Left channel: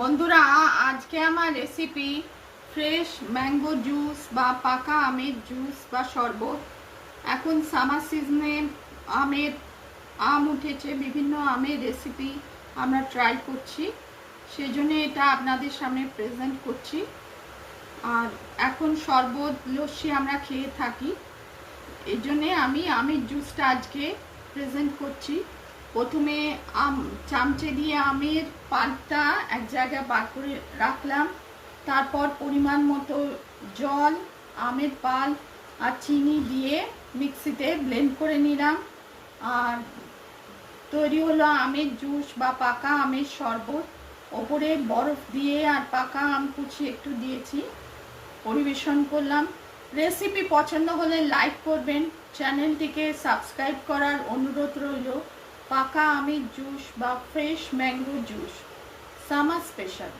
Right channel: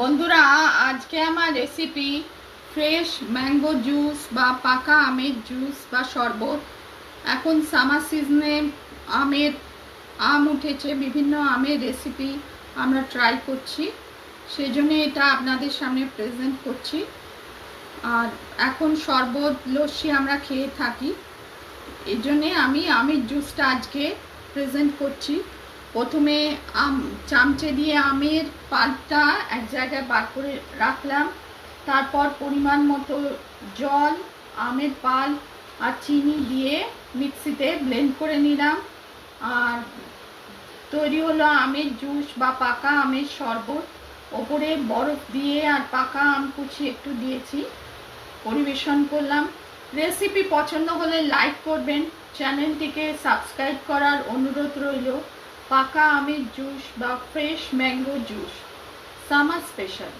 বন্ধুরা, আজকে আমার রেসিপি ফ্রেশ ম্যাঙ্গো জুস বা পাকা আমের জুস বা শরবত। এখন সামার সিজনে আম উঠেছে, বিভিন্ন আমের রেসিপি আমরা ট্রাই করছি, সেজন্য এটা আপনাদের সামনে প্রেজেন্ট করছি। আর এখন শরবত লস্যি আমরা খেয়ে থাকি, এই জন্যে আমি আমের জুসটা আজকে প্রেজেন্ট করছি। প্রথমে চামচে দিয়ে আমের পাল্পটা এক জায়গায় বার করে রাখলাম, তারপর পরিমাণ মতো জল, আমের পাল্প আর চিনি দিয়ে মিক্সিতে ব্লেন্ড করে নিলাম। আর তৈরি হলো আমের জুস বা পাকা আমের শরবত। ওপরে বরফ দিয়ে আর পাকা আম কুচি একটু দিয়েছি, পরিবেশন করলাম। রেসিপি পছন্দ হলে লাইক করবেন, চ্যানেলটিকে সাবস্ক্রাইব করার অনুরোধ রইল। পাকা আমের জুস বা fresh mango juice, summer special.